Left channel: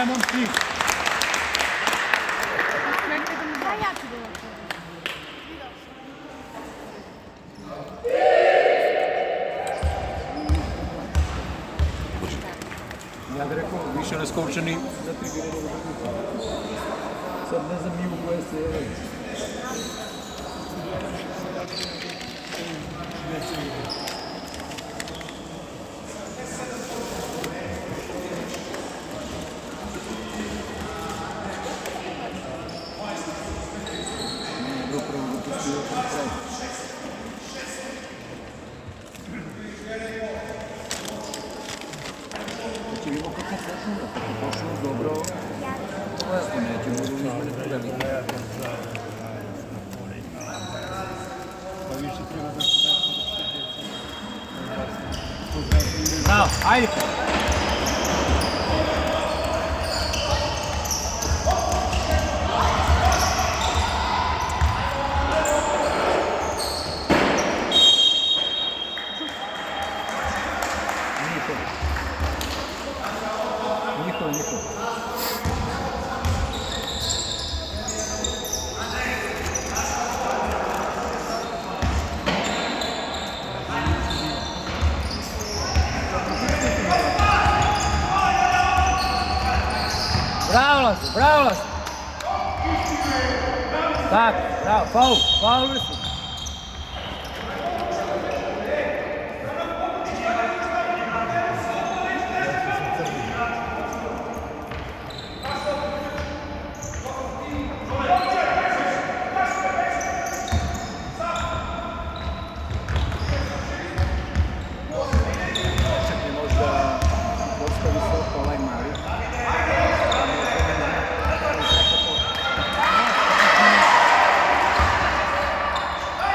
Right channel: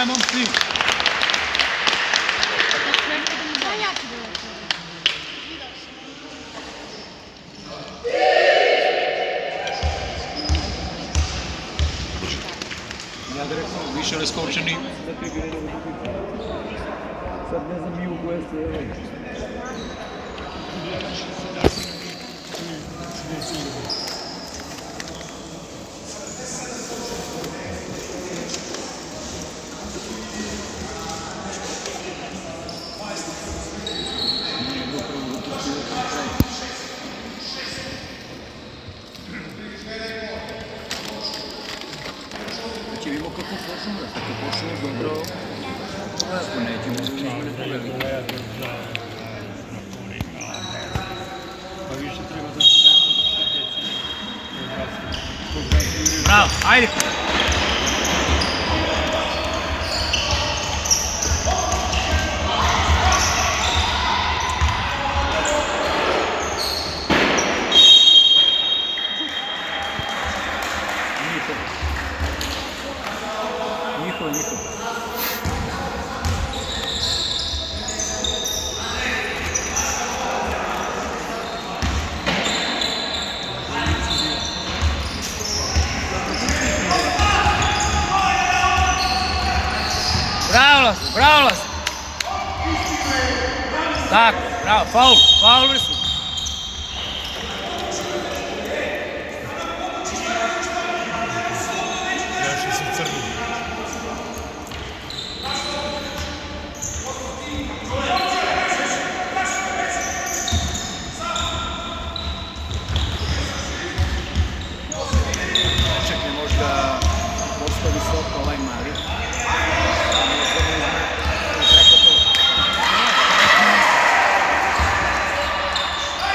Ajmo svi. Ja bih rekao, više raskočeni. Sad ne znam i u koje se... Znači, vidimo kako počnemo dobro. Bravo, ajde! Niko. Bravo, Las! Tako, bravo, faul vrstu. Još se crni. Čekaj, možda postavi visoko ovaj Mari.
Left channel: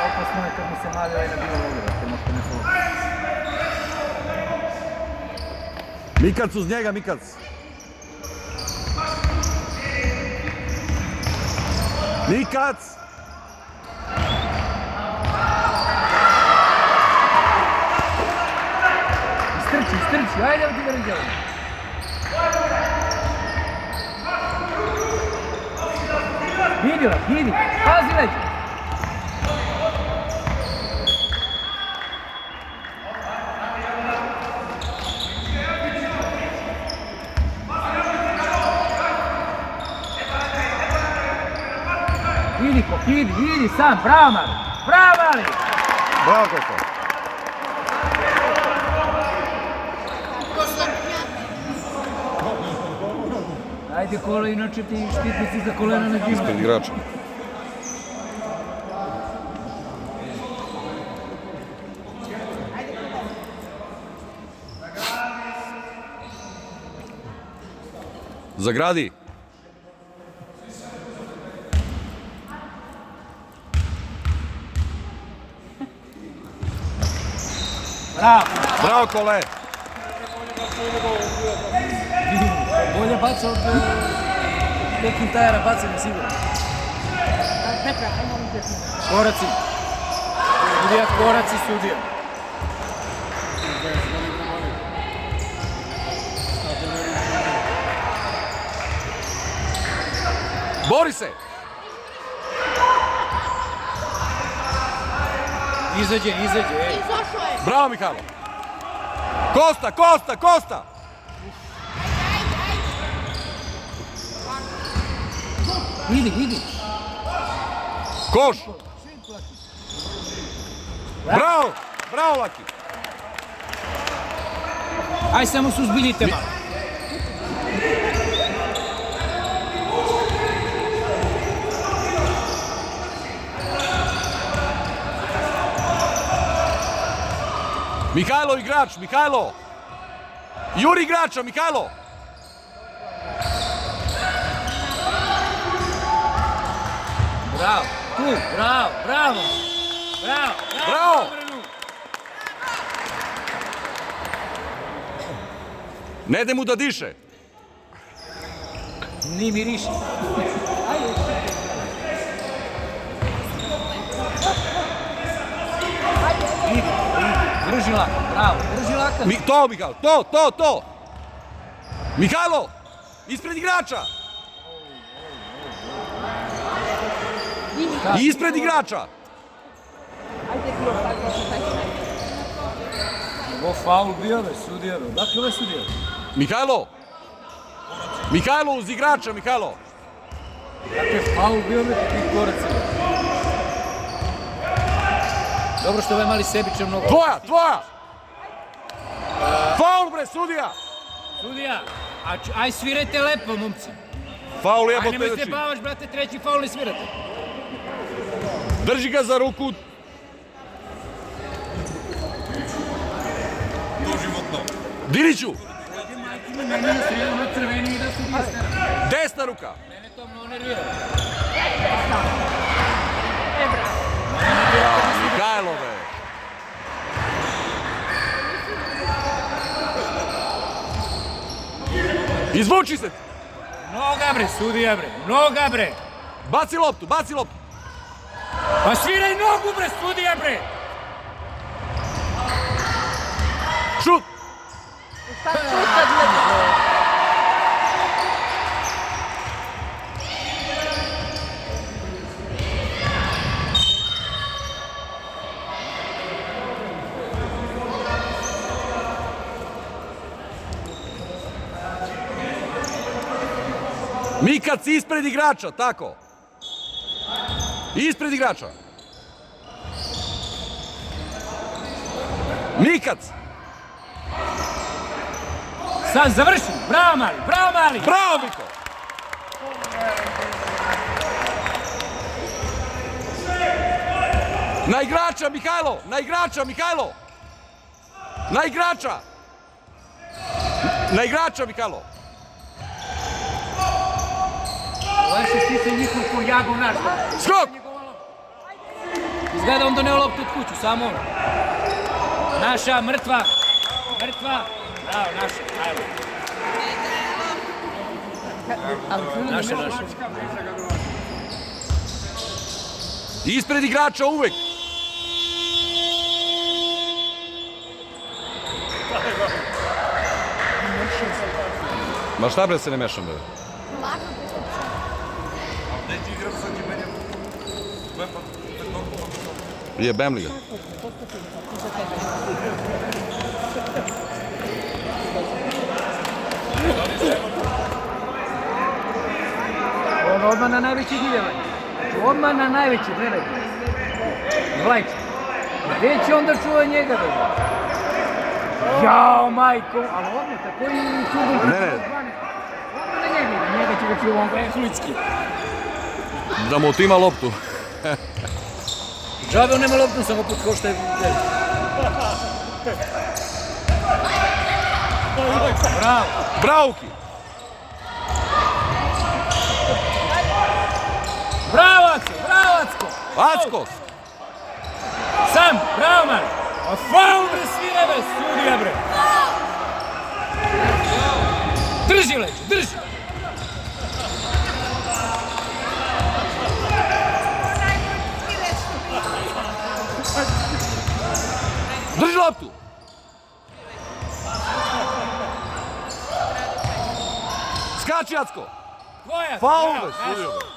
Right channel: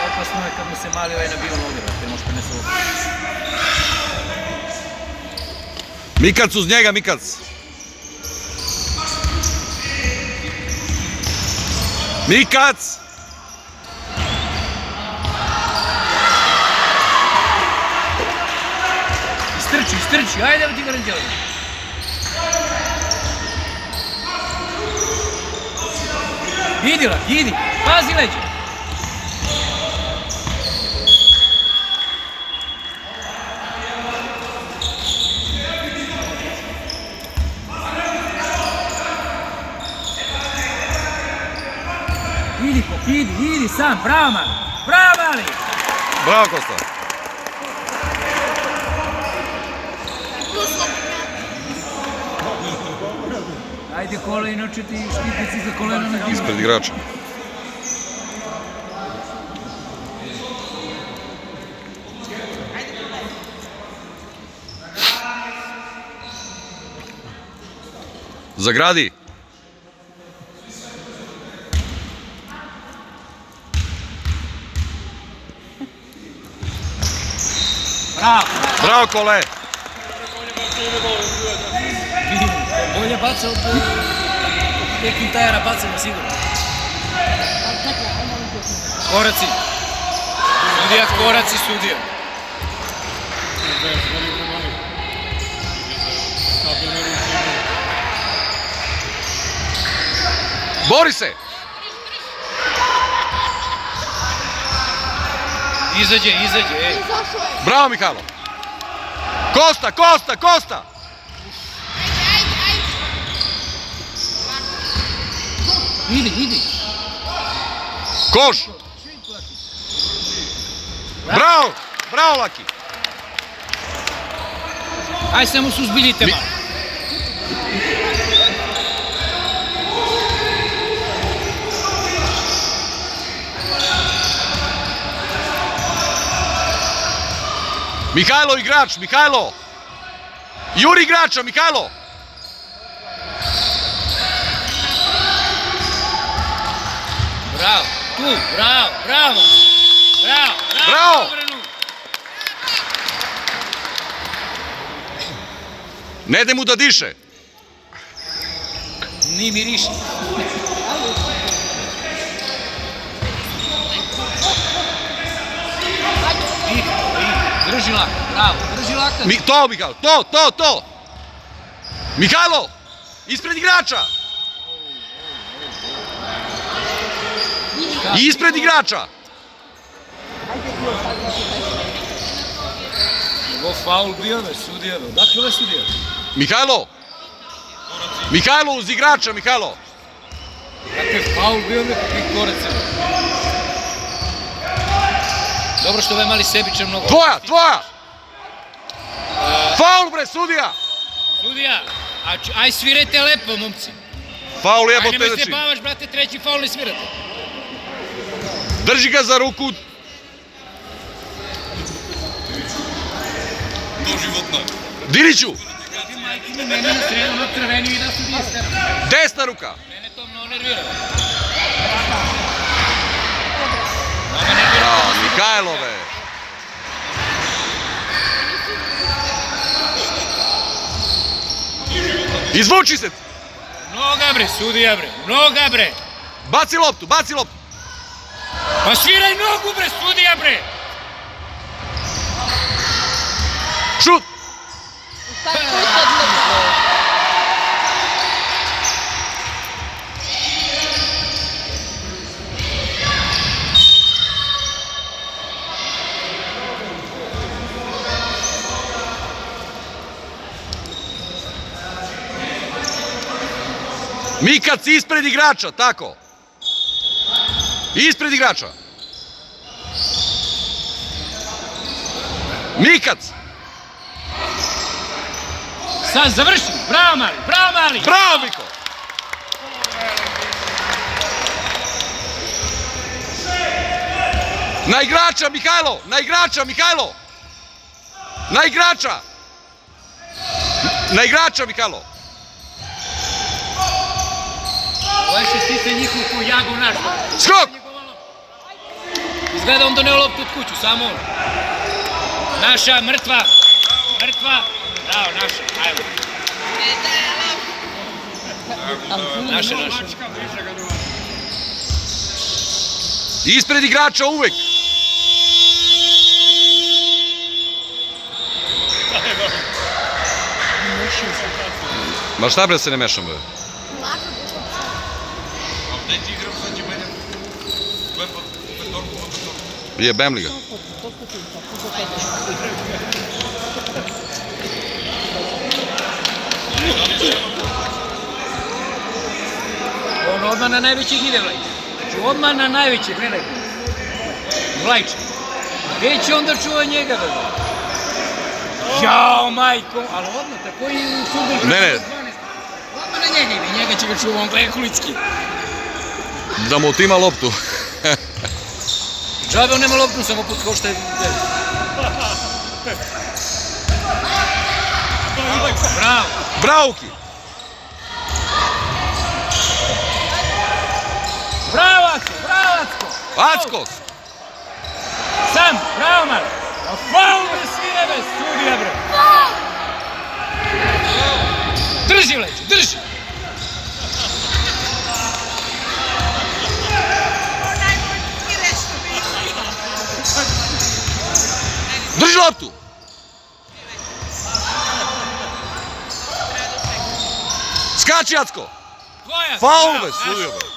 Opasno je kad mi se mali ovaj nabio logera, to možda ne sluša. Mikac uz njega, Mikac! Mikac! Istrči, ajde da ti vrem djelom. Idi, pazi leđe. Idi sam, bravo Mali! Bravo, Kosta! Ajde koleno, četi štitnici za koleno na divu. Ispred igrača. Zagradi! Bravo, Kole! Bolje baca od nekih tajera, bacamo sigurno. Koraci. Sudija, koraci sudija. Bori se! Izađe, ej. Bravo, Mihajlo! Kosta! Idi. Koš! Bravo, Laki! Aj se mu suzbiljite malo. Mihajlo igrač, Mihajlo! Juri igrača, Mihajlo! Bravo! Ne daj mu da diše! Ni miriši. Drži lako, bravo, drži lako. To, Mihajlo, to! Mihajlo! Ispred igrača! Ispred igrača! Ovo faul bio, sudija, dakle ovo je sudija. Mihajlo! Mihajlo, uz igrača, Mihajlo! Dakle, faul bio nekakvih koraca. Dobro što ovaj mali sebičan mnogo. Tvoja! Faul, bre, sudija! Sudija, aj svirajte lepo, momci. Faul Aj jebote nemoj se znači. bavaš, brate, treći faul ne svirate. Drži ga za ruku. Diriću! Mene na crveni i da sudija stara. Desna ruka! Mene to mnogo nervira. Bravo, Mihajlove! Izvuči se! Noga bre, sudija bre, noga bre. Baci loptu! Pa sviraj nogu bre, sudija bre. Šut! Mikac ispred igrača, tako. Ispred igrača. Mikac! Sad završi, bravo mali, bravo mali. Bravo, Miko! Na igrača, Mihajlo! Na igrača, Mihajlo! Na igrača! Na igrača, Mihajlo! Ovo je što stisne njihovu ko jagu naš. Skok! Izgleda on doneo loptu od kuću, samo on. Naša, mrtva. Bravo, naša, ajmo. Naša. Ispred igrača uvek! Ma šta bre se ne mešam, bre? Jebem li ga? Ovo odmah na najvećih ide, Vlajče. Znači, odmah na najvećih, gledaj. Vlajče. Gdje će onda čuva njega, dobro? Jao, majko. Ali odmah, tako i u sudbom. Ne. Odmah na njega ide, njega će ga čuva, on gleda Kulicki. Da mu otima loptu. Džabe, on nema loptu, samo put kao što je... Bravo. Brauki! Bravo, Acko! Acko! Sam, bravo, man! A faul bre, svire bre, sudija bre! Drži, Vlajče, drži! Drži loptu! Skači, Acko! Tvoja! Faul, bre, sudio, bre!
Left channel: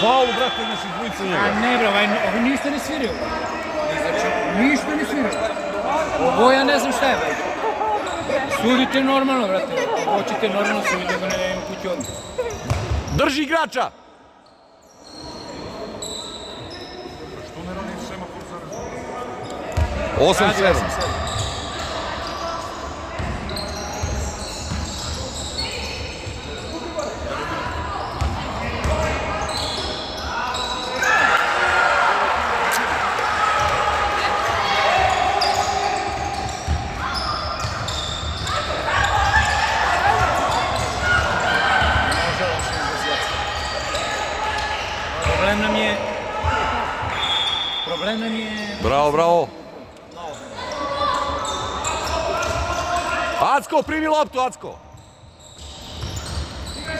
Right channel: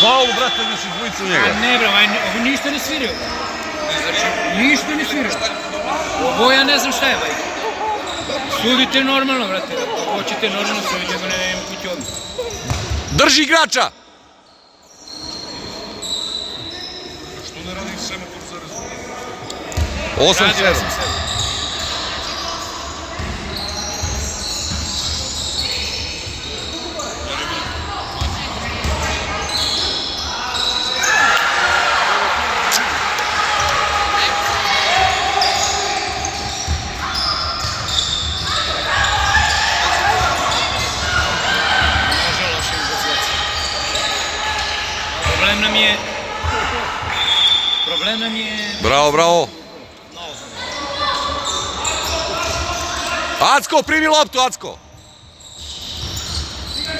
Faul, brate, znači dvojica u njega. A ne, bre, ovo ništa ne svirio, bre. Znači, ništa ne svirio. Ovo ja ne znam šta je, bre. Sudite normalno, brate. Ako hoćete normalno sudite, bre, ne nema kući odmah. Drži igrača! Što ne radi semafor za rezultat? 8-7. Problem nam je... Bravo! Acko, primi loptu, Acko!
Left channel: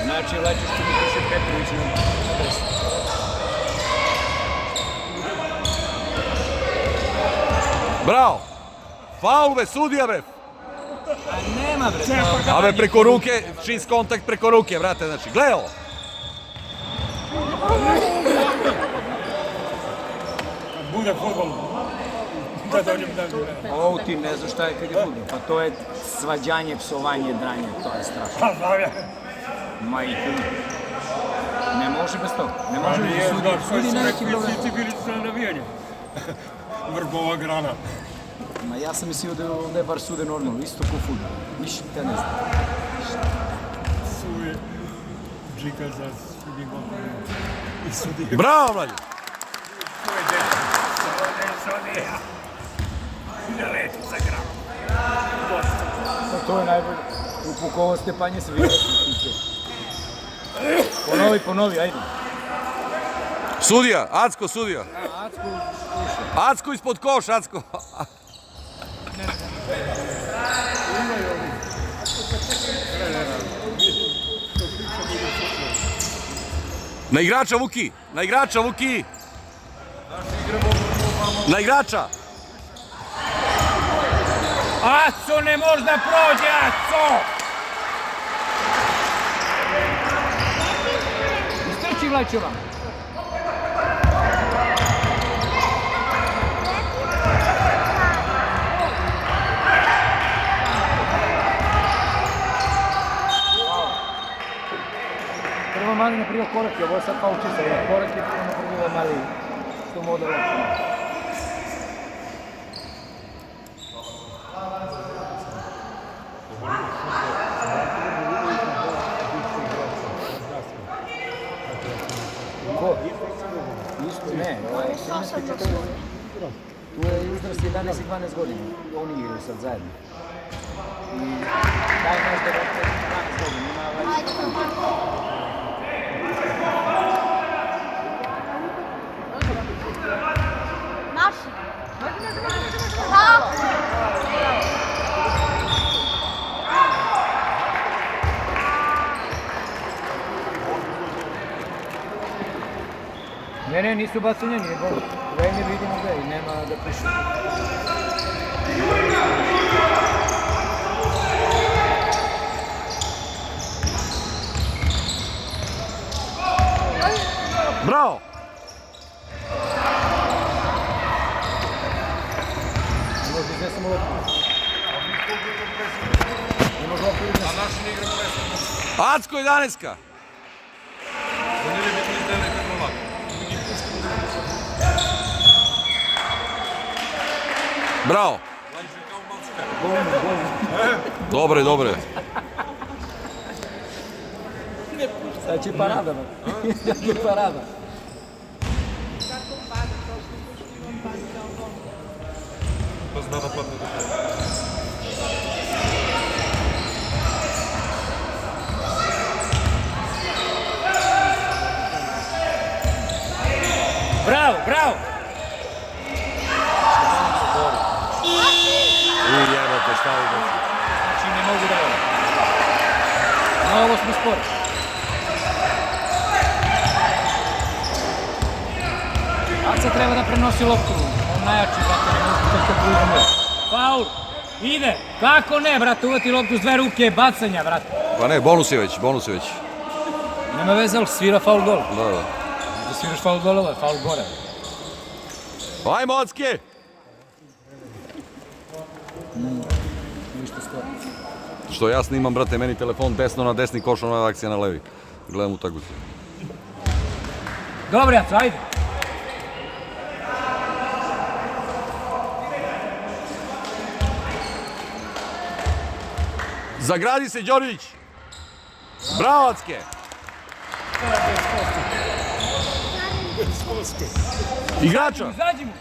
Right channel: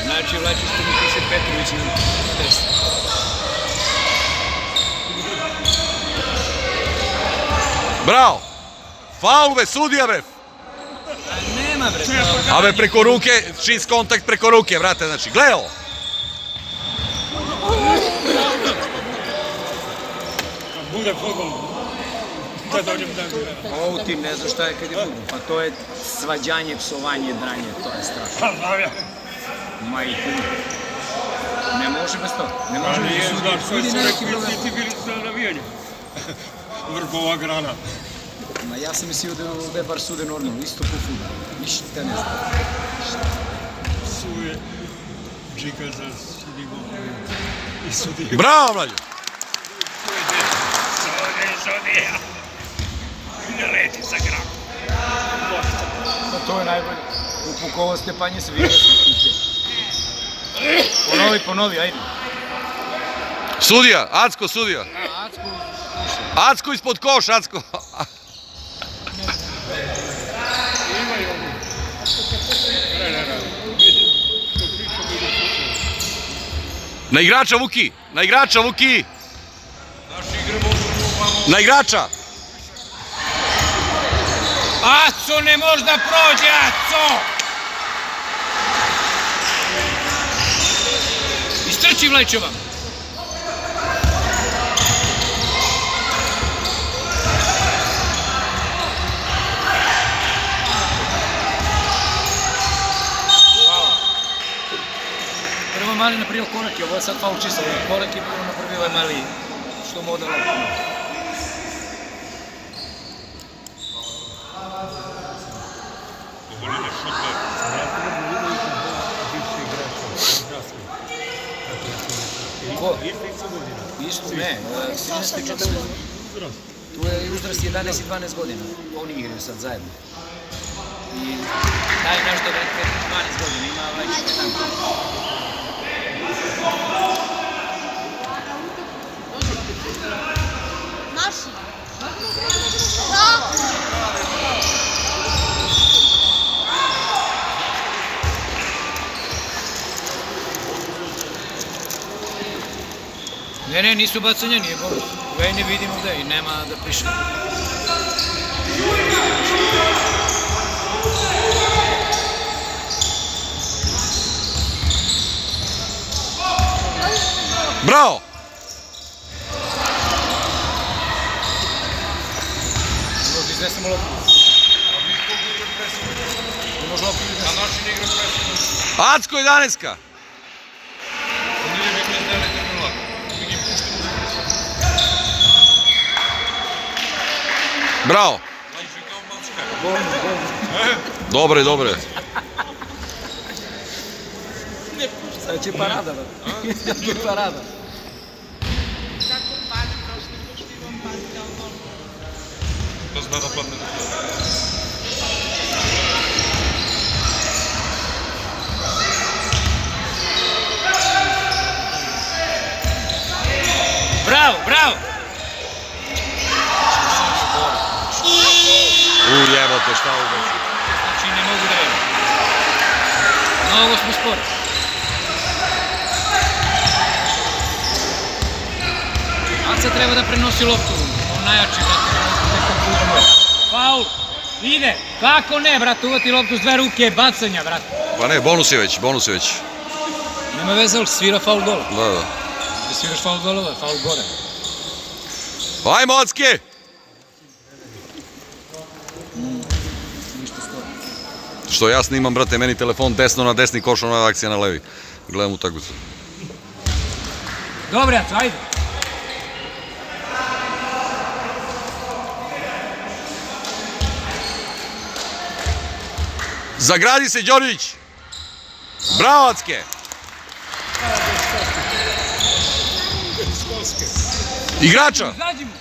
Znači, Vlajče što mi piše Petrović na desno. Bravo! Faul, be, sudija, be! Nema nema, bre. Ave preko ruke, čist kontakt preko ruke, brate, znači, gledaj ovo. Bude fudbal. Da njim da. Ovo ti ne znaš šta je kad je fudbal. To je svađanje, psovanje, dranje, to je strašno. Pa znam ja. Majku. Ne može bez toga. Ne može Nije, bez znaš, sve sudi su neki rekli, broj. svi ti bili na navijanju. Vrhova grana. Ma ja sam mislio da ovdje bar sude normalno, isto po fudbalu. Ništa ne znam. Suje džika za sudimo. I sudi. Bravo, mlađe. Sudi. Ne leti sa gram. Pa to je najbolje. Upukovo Stepanje se vidi. Ponovi, ajde. Sudija, Acko, sudija. Acko ispod koš, Acko. Na igrača, Vuki! Na igrača, Vuki! Na igrača! Aco ne može da prođe, Aco! Istrči Vlajčeva. Prvo mali napravio korak, ovo je sad faul čisto, korak je prvo napravio ovaj mali, što mu odalo. Ko? Isto, ne, 13 i 14. Tu je uzrast 11 i 12 godina, oni igraju sad zajedno. I taj naš devete 12 godina, ima već 17. Ne, nisu bacanja, nije bonus. Ga i ne vidimo gde i nema da piše. Bravo! Može iznesemo loptu. Ne može loptu iznesemo. Acko 11-ka! Bravo! Dobre, dobre. Sad će parada, ba. Sad će parada. Da zna da padne. Bravo, bravo! Jebote, šta ovo znači? Znači ne mogu da velim. Mnogo smo spori. Aca treba da prenosi loptu. On najjači, brate, ne može tek to pružimo. Faul! Ide! Kako ne, brate, uvati loptu s dve ruke, bacanja, brate. Pa ne, bonus je već, bonus je već. Nema veze, ali svira faul dole. Da, da. Da sviraš faul dole, faul gore. Ajmo, Acke! Što ja snimam, brate, meni telefon desno na desni koš, ona akcija na levi. Gledam utakmicu. Dobre, Aca, ajde. Zagradi se, Đorđević! Bravo, Acke! Igrača! Izađi mu.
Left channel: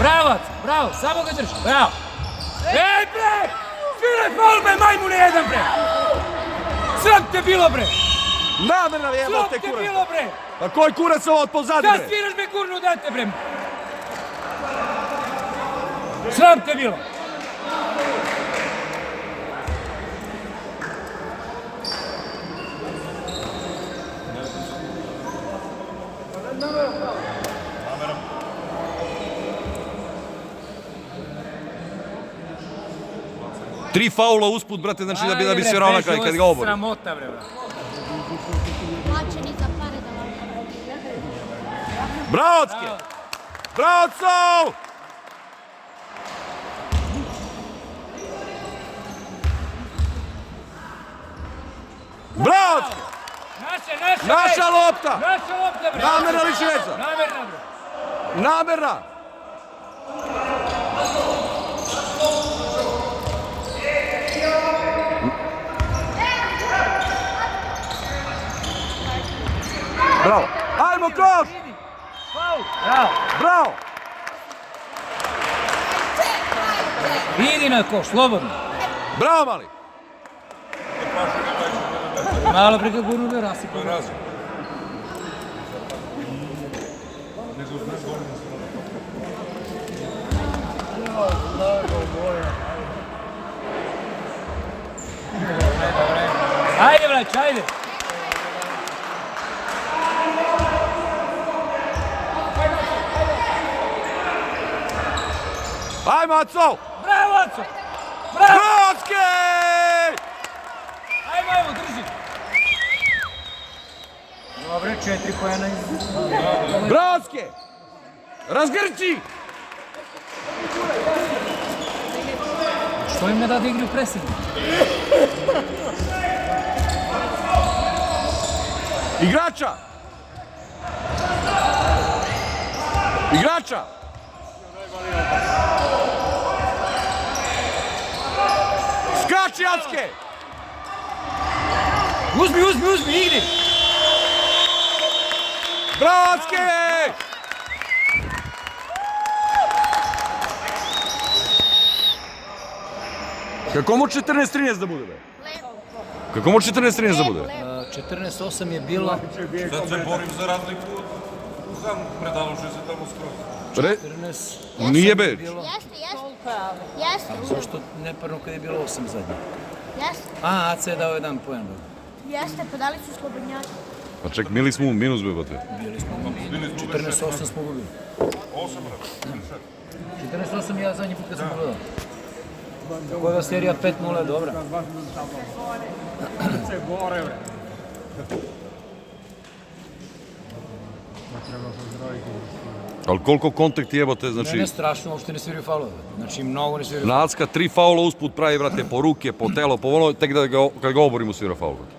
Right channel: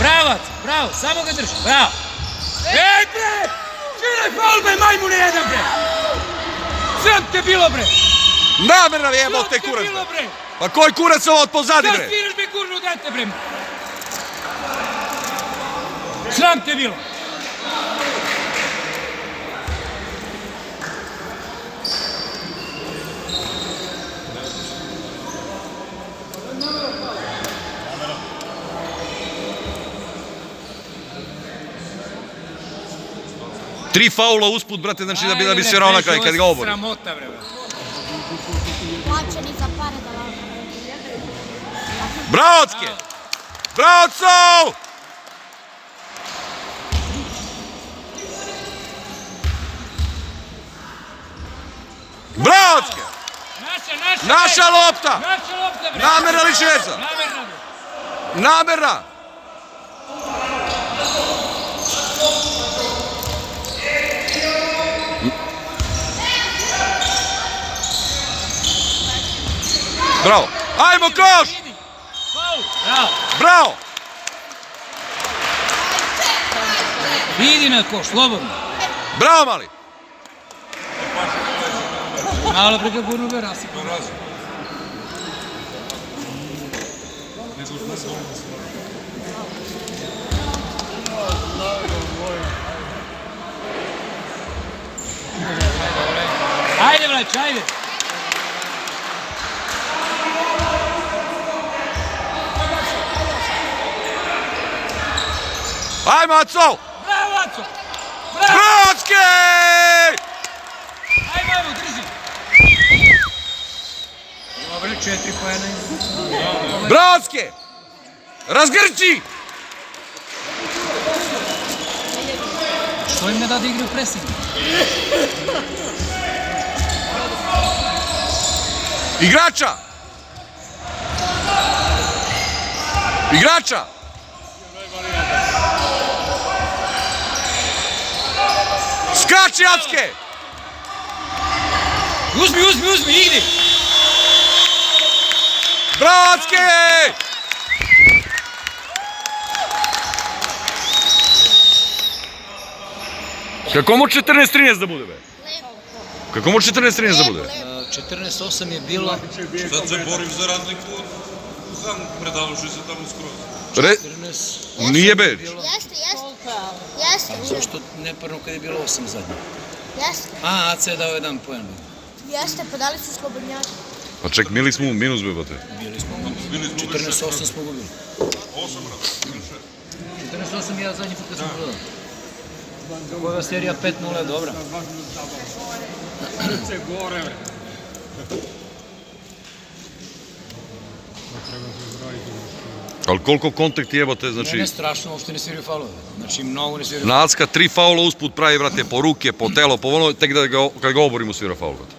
Bravo, Aca, bravo, samo ga drži, bravo. Ej, bre! Sviraj faul, bre, majmune jedan, bre! Sram te bilo, bre! Namerno jebote Sram te kurac! bilo, bre! Pa koji kurac ovo od pozadi, Šta bre? sviraš, bre, kurnu dete, bre? Sram te bilo! 3 faula usput, brate, znači da bi svirao na kraj, kad ga obori. Sramota, bre. Braocke! Braoco! Braocke! Naša lopta! Naša lopta, bre. Namerna li šveca? Namerna, bre. Namerna! Bravo! Ajmo koš! Bravo. Bravo! Idi na koš, slobodno. Bravo, mali! Malo preko gurnuga rasipao razum. Ajde, brać, ajde. Ajmo, Aco! Bravo, Aco! Bravo! Braocke! Ajmo, evo, drži. Dobre, 4 pojena. Braocke! Razgrči! Što im ne da igri u presingu? Igrača! Igrača! Skači, Acke! Uzmi, igri! Bravo, Acke! Kako mu 14-13 da bude, be? Kako mu 14-13 da bude? 14-8 je bilo. Sad se borim za razliku od Zan, predavši se tamo skroz. 14... Nije be. Jeste. Zašto neparno kad je bilo 8 zadnje? Jeste. A, AC je dao jedan poen. Jeste, pa dali su slobodnjaci. Pa ček, mili smo u minus, be, bate. Bili smo 14-8 smo gubili. 14-8 ja zadnji put kad sam gledao. Ova serija 5-0 je dobra. Se gore. Ali koliko kontakt jebate, znači... Ne strašno, uopšte ne sviraju faulove. Znači, mnogo ne sviraju. Nacka 3 faula usput pravi, brate, po ruke, po telo, po ono, tek da kad ga oborimo svira faul, brate.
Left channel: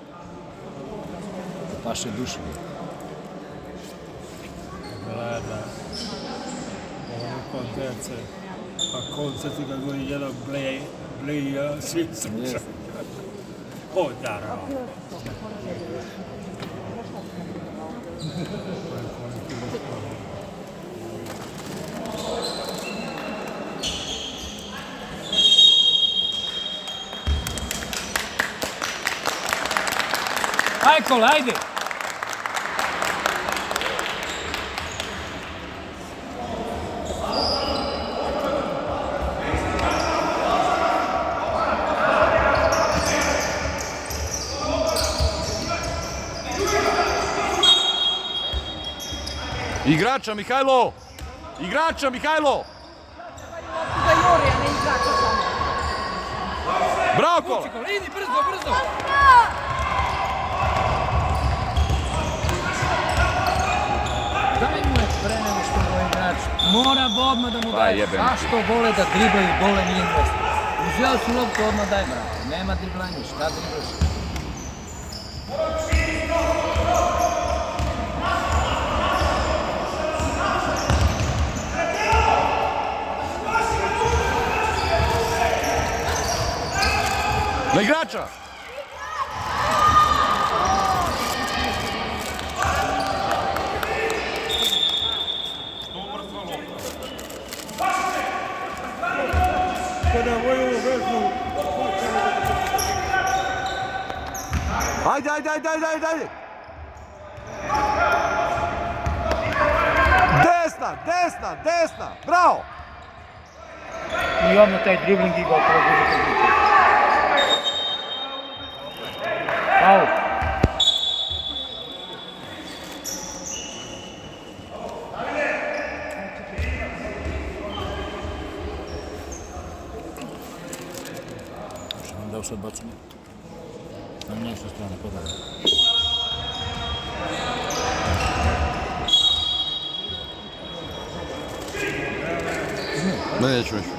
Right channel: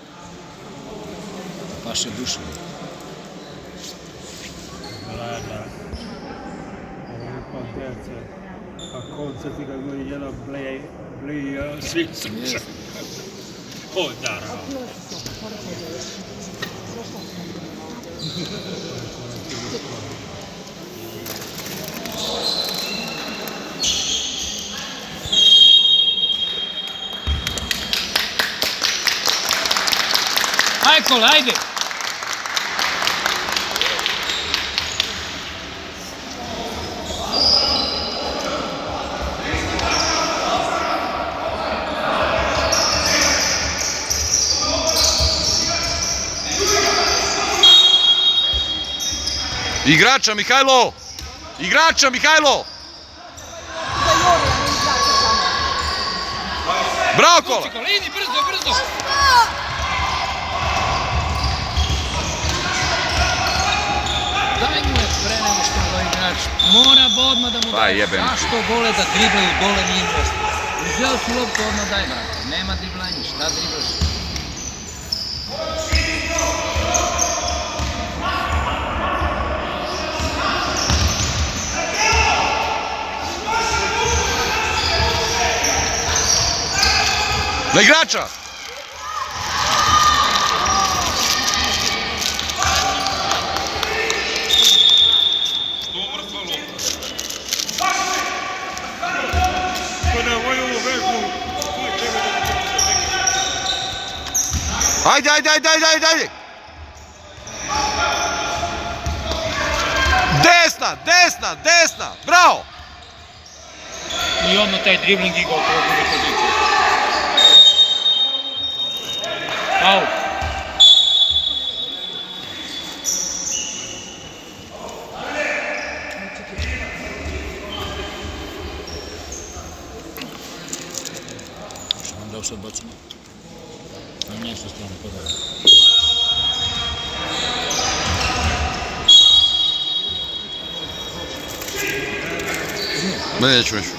Paše duše. A konce ti ga govori jedan blej svi sluša. O, naravno. Michael, ajde! Igrača, Mihajlo! Igrača, Mihajlo! Bravo, Kola! Idi, brzo! Daj mu pre nego što mu igrač. Mora odmah da mu Pa daje. jebem ti. Zašto vole da driblaju, dole nije dosta. Uzeo su loptu, odmah daj, brate. Nema driblanja, šta driblaš? Na igrača! Kada voju ovu vežbu, Ajde! Desna! Bravo! I odmah taj dribling i gotovo gubi poziciju. Au. kao se odbacimo. Na mjesto strane podala. Neću više.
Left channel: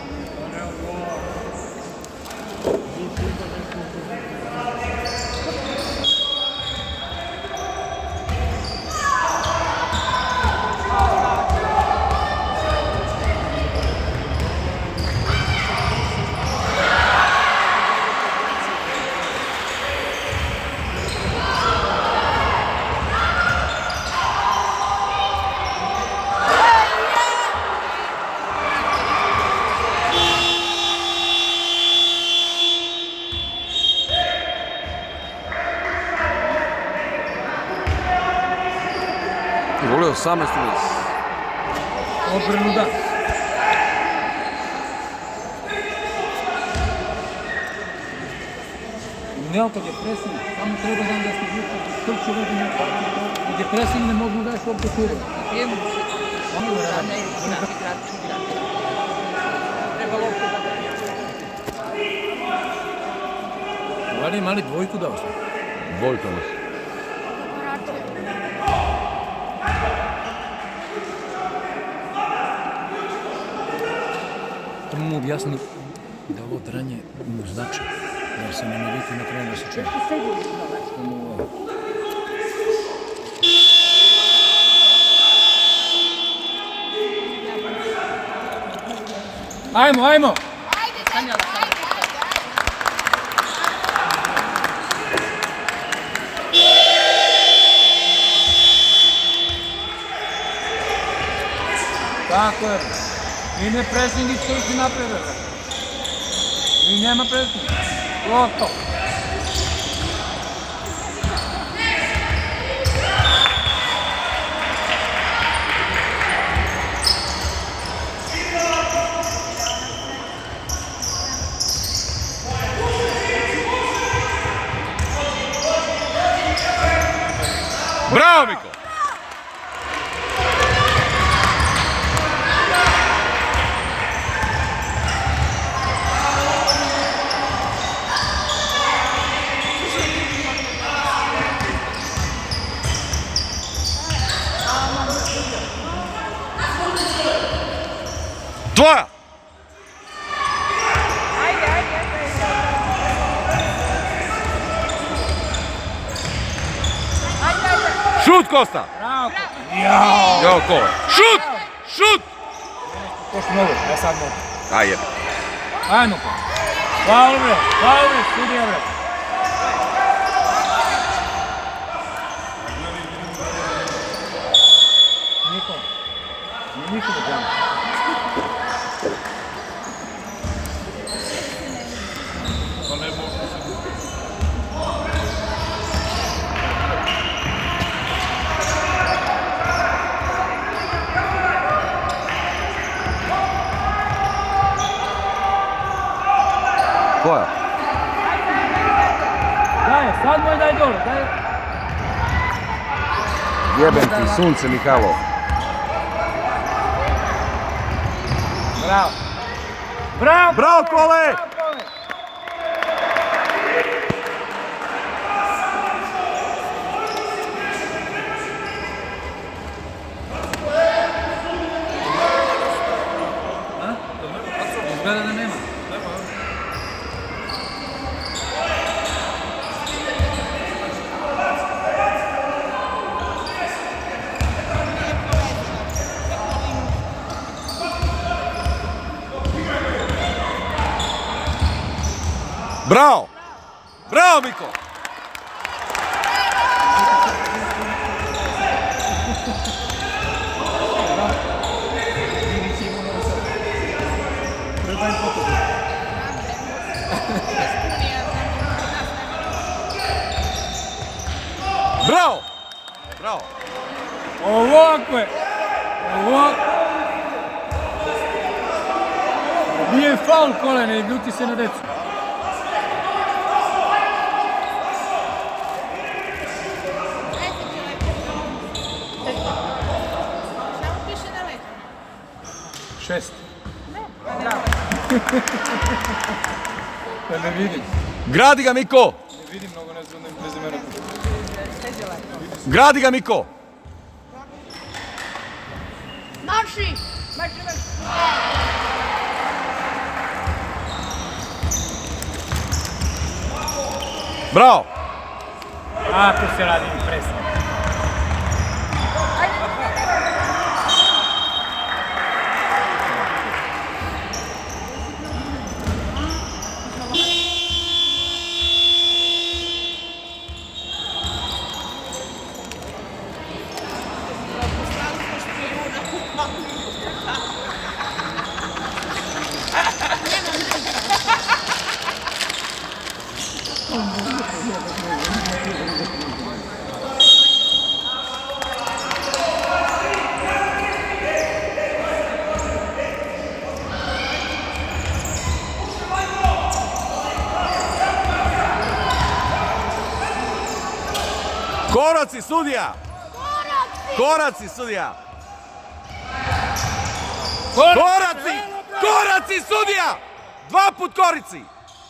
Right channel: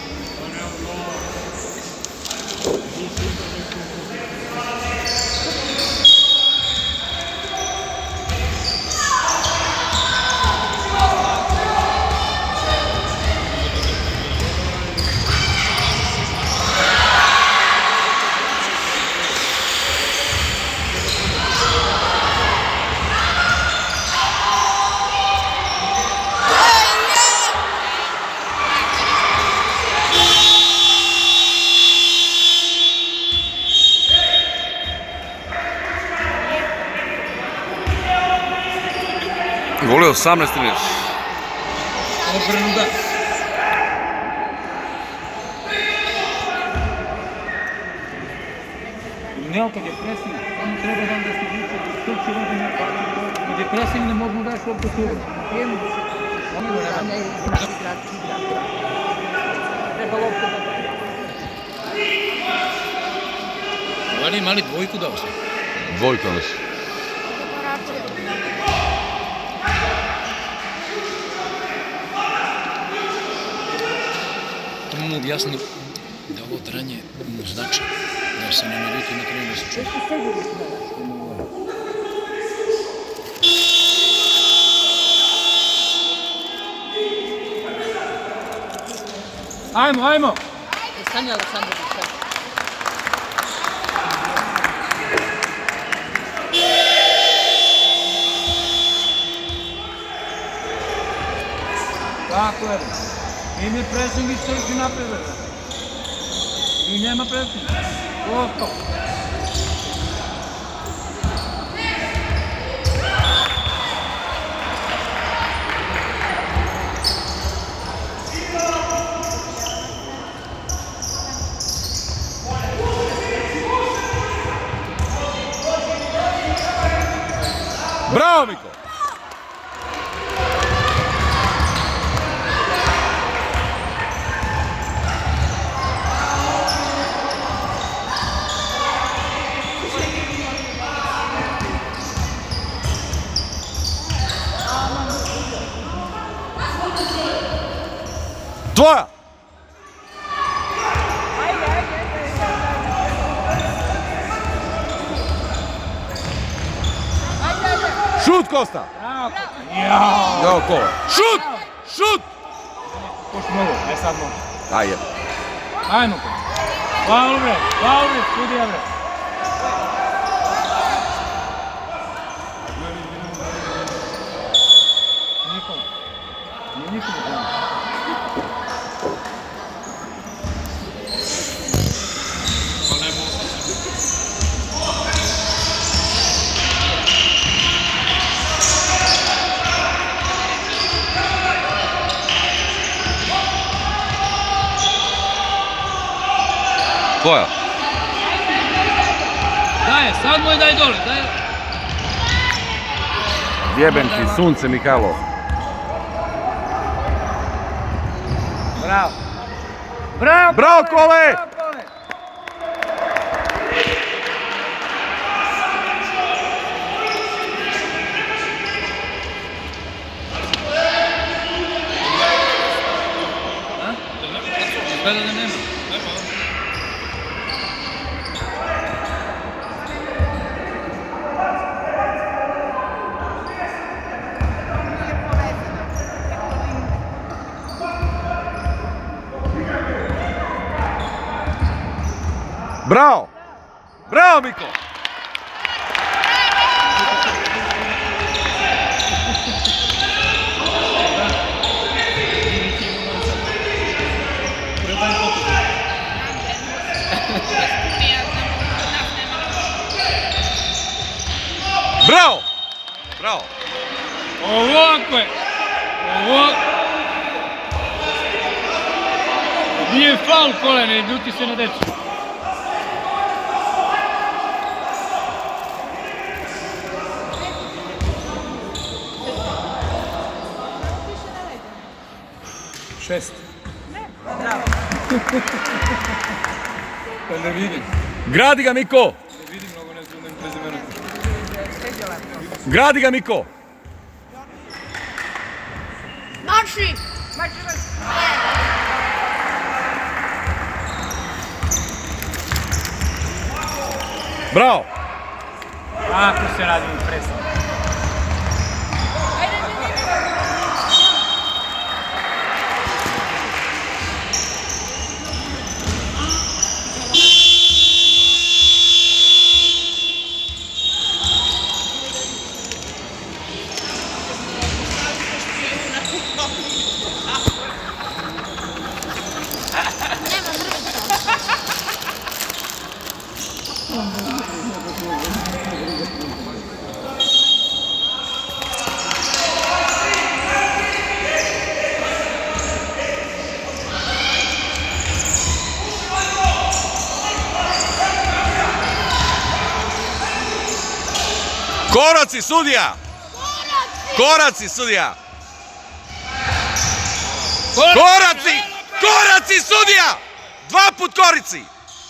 Gol je 18 ili? Obrnu da. Ne, kad je presing, samo treba da se vuče, što će vodi na kad je presing ne mogu daš opet tu. Mali dvojku dao sam. Dvojka nas. To mu objasni da ovo tranje mu znači, jer se ne naljuti na kraju da se čuje. Ajmo, ajmo! Stani Aleksandar. Tako je. I ne pressing ići napred. I nema pressing. Gotovo. Bravo, Miko! Tvoja! Šut, Kosta! Bravo! Jo, kole. Šut! Šut! Još mogu, ja sad mogu. Ajde. Ajmo. Faul bre, sudija bre. Nikom da gledam. Tvoja. Daj, sad moj daj dole, daj. Jebem ti sunce, Mihajlo. Bravo. Bravo! Bravo, Kole! Izgleda da nema. Bravo! Bravo, Miko! Bravo! Bravo! Ovako je. Ovako. Nije faul Kola, ne ljuti se na decu. Samo piše da ne. 6. Bravo. Da ne vidim. Gradi ga, Miko! Vidim mnogo nas onda bez imena. Gradi ga, Miko! Marši! Marši, marši! Bravo! Kako se radi presno. Ajde, ne. Koraci, sudija! Koraci, sudija! Koraci! Koraci, sudija! 2 put korici!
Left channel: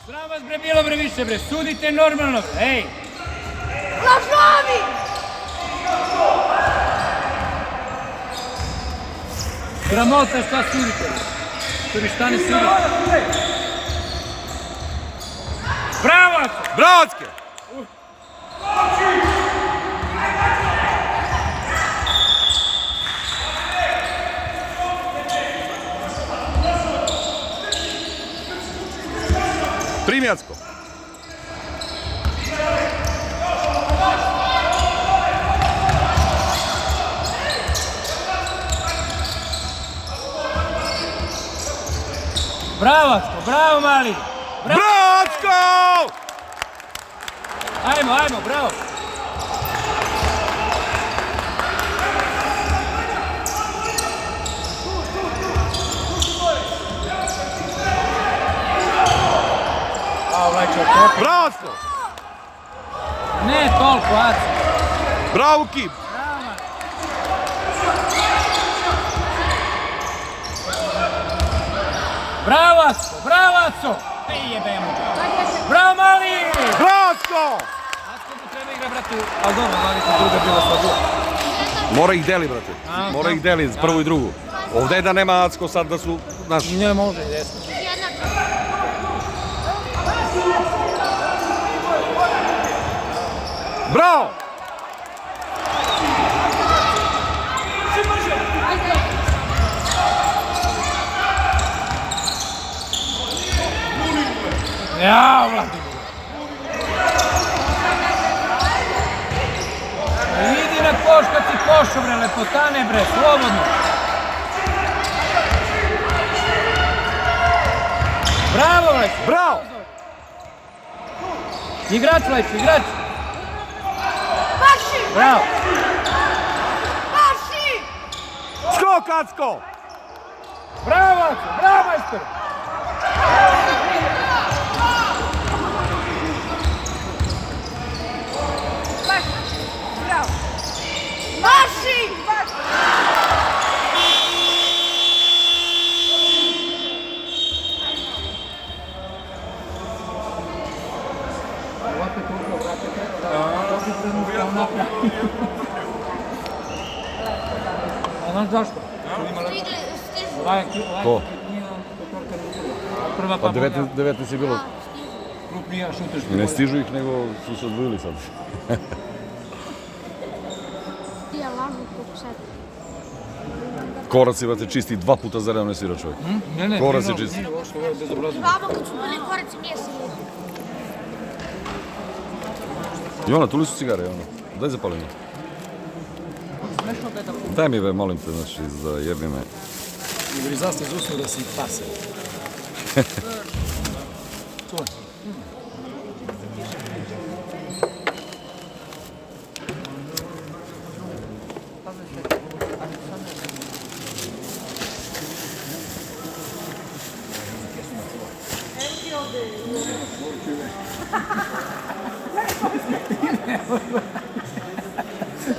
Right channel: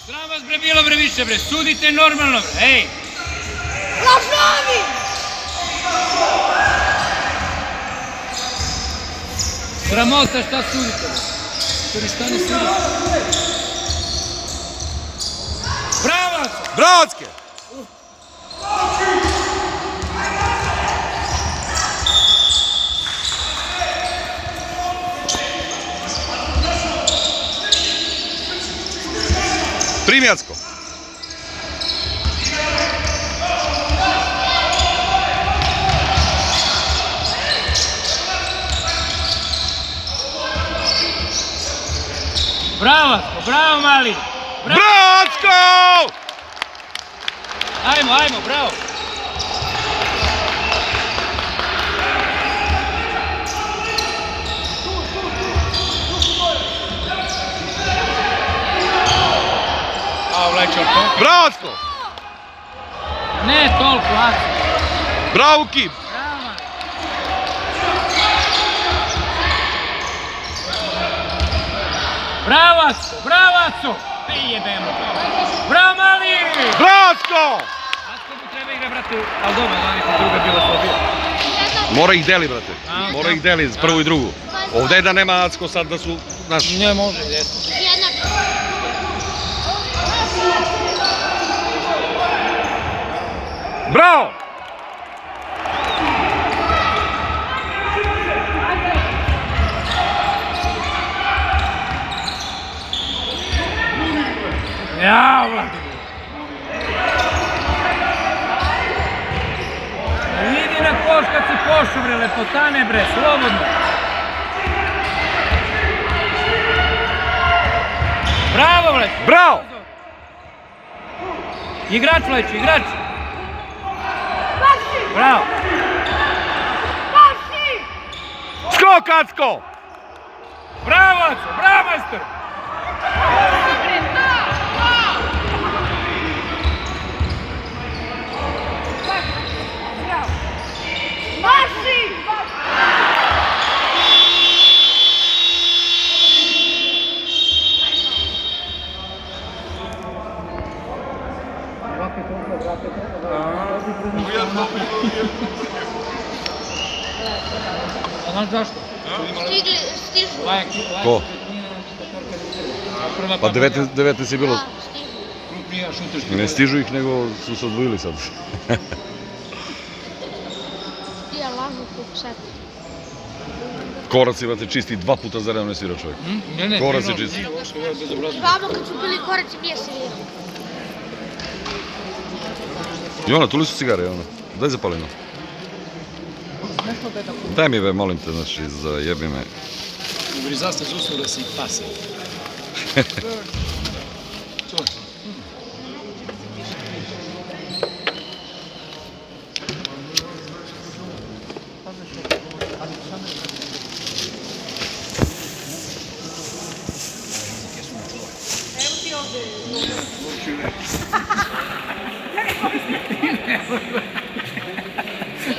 Sram vas bre bilo bre više bre, sudite normalno bre, ej! Lažovi! Sramota šta sudite bre? Što ni šta ne sudite? Bravo! Bravocke! Primjacko! Bravo, bravo mali! Bravocko! Ajmo, ajmo, bravo! A, Vlačar, to? Bravocko! Ne toliko, Aci. Bravo, Kip! Bravo, Aco, bravo, Aco! Ej, jebemo. Bravo, mali! Bravocko! Aco mu treba igra, brate. A dobro, da druga bilo slabije. Mora ih deli, brate. Mora ih deli, prvu i drugu. Ovdje je da nema Acko sad da su, znaš... Ne može, jesno. Bravo! Ja, vrati. Idi na koš kad si košu, bre, lepotane, bre, slobodno. Bravo, bre. Bravo! Igrač, Leći, igrač. Marši! Bravo. Marši! Skok, Acko! Bravo, Aco, bravo, majster. Bravo! Marši! A znaš zašto? Stižu. Ko? Prva Pa 19 je bilo. krupnija šuter. Ne stižu ih, nego su se odvojili sad. Ja lažu pokušati. Koraci, brate, čisti 2 puta za redom ne svira čovjek. Ne, Koraci čisti. Vamo kad su bili koraci mjeseli. Jona, tu li su cigare, Jona? Daj zapalimo. Daj mi, molim te, znači, zajebi me. Zašto zusu da si pase?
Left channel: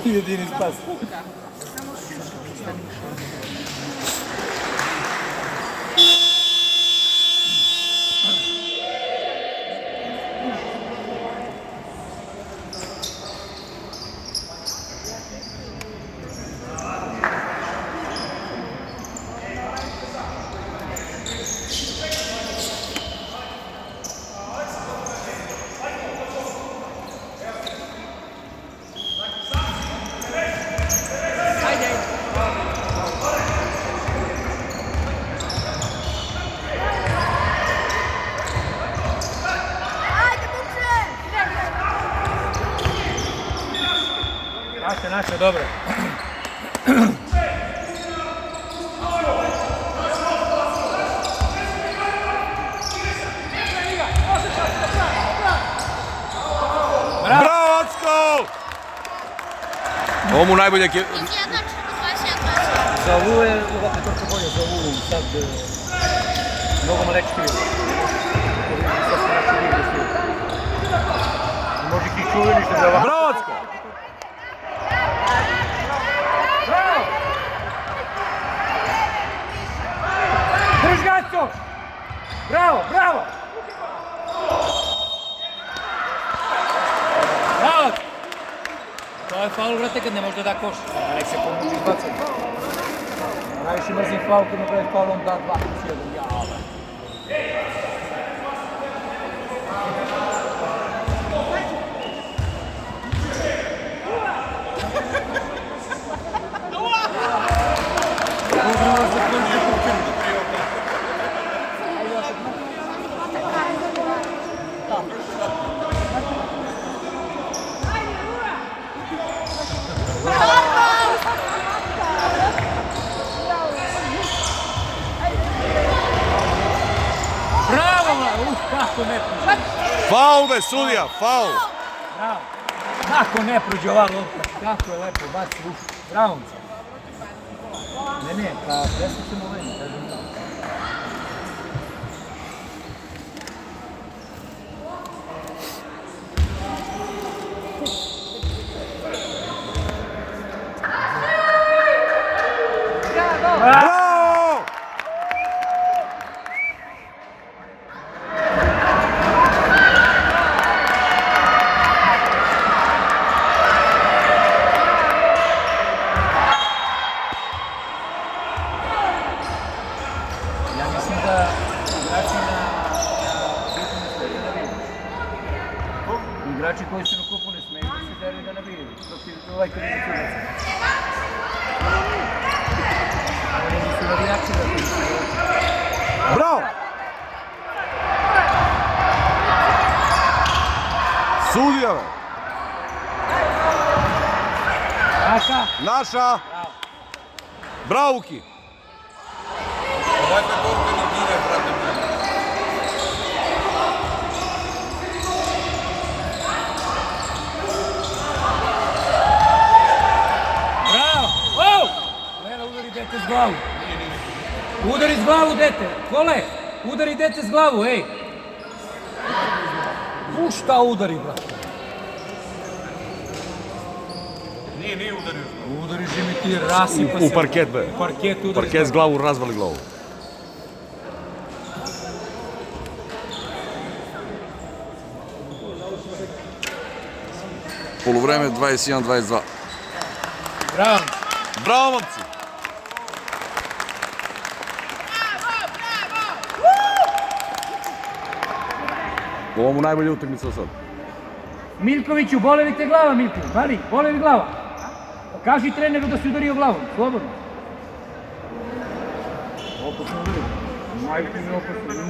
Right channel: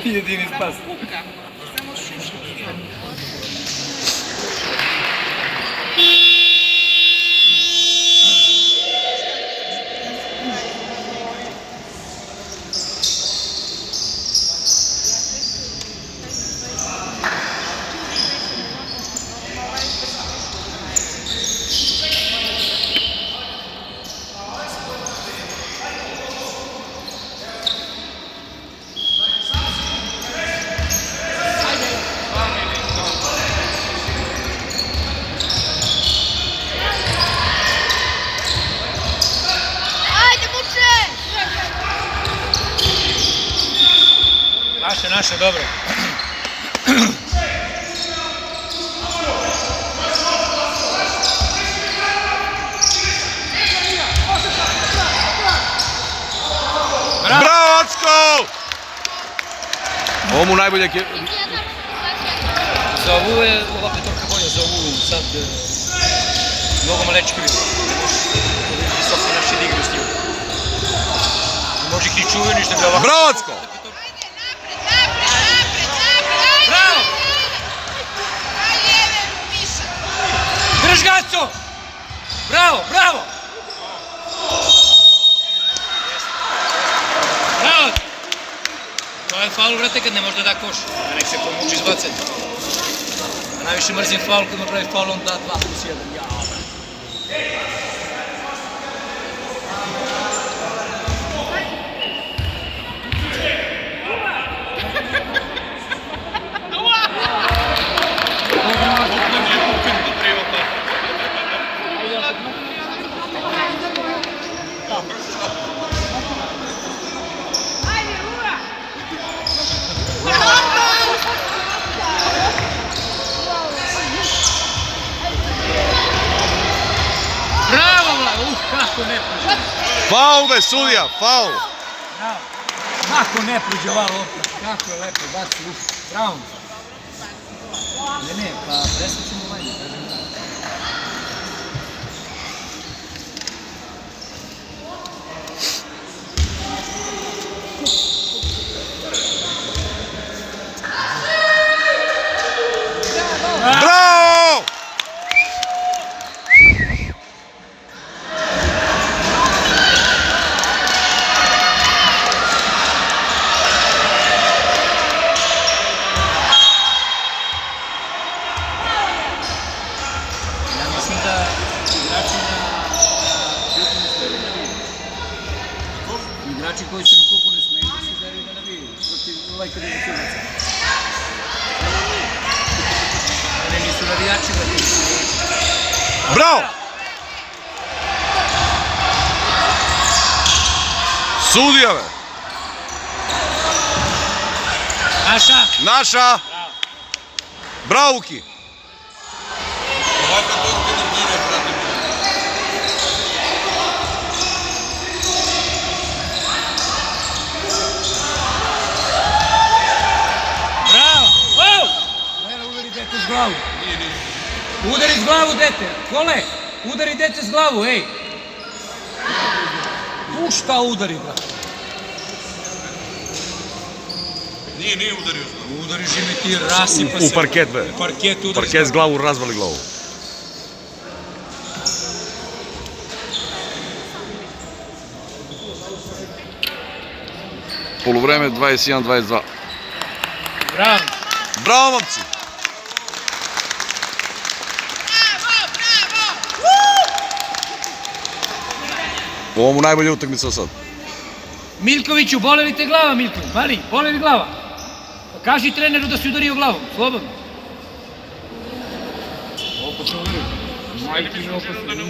Jedini spas. se dobro. Bravo, Acko! Ovo mu najbolje... Za ovu je ova petorka bolja, za ovu sad mnogo malečki. Sad se naše digre s njim. Može ih ni čuju ništa da ovako. Bravo, Acko! Bravo! Drž ga, Acko! Bravo, bravo! Bravo! To je faul, vrate, kad ne može da da koš. A nek se pomuči izbacati. A najviše mrzim faul, kad napravi faul, on da 2+1. Jao, brate. Bravo, bravo! Kako ne prođe? Faul be, sudija, faul! Bravo! Kako ne prođe ova lopta? Kako je lepo, baci, bravo! Ne, pa presvećemo ovaj, kažem da. Bravo! Ja mislim da igrači koji su na kupu ne smeju da se zeraju da ne bi protiv ovaj televizionaca. Ne nisu navijači da ti su. Bravo! Sudija be! Naša! Naša! Bravo, Uki! Ova petorka nervira, brate. Bravo! Wow! Nela, udari dete s glavu. Udari s glavu, dete. Kole, udari dete s glavu, ej. Pušta udari, brate. Nije udario. Udari žimi ti, rasipa se. U parket be. U parket udari. Parket s glavu, razvali glavu. Poluvreme 21-22. Bravo. Bravo, momci! Ovo mu najbolja utakmica od sad. Miljkoviću, boli li te glava, Miljković? Mali, boli li glava? Pa kaži treneru da si udario glavom, slobodno. Opasno udario. Majke mi opasno.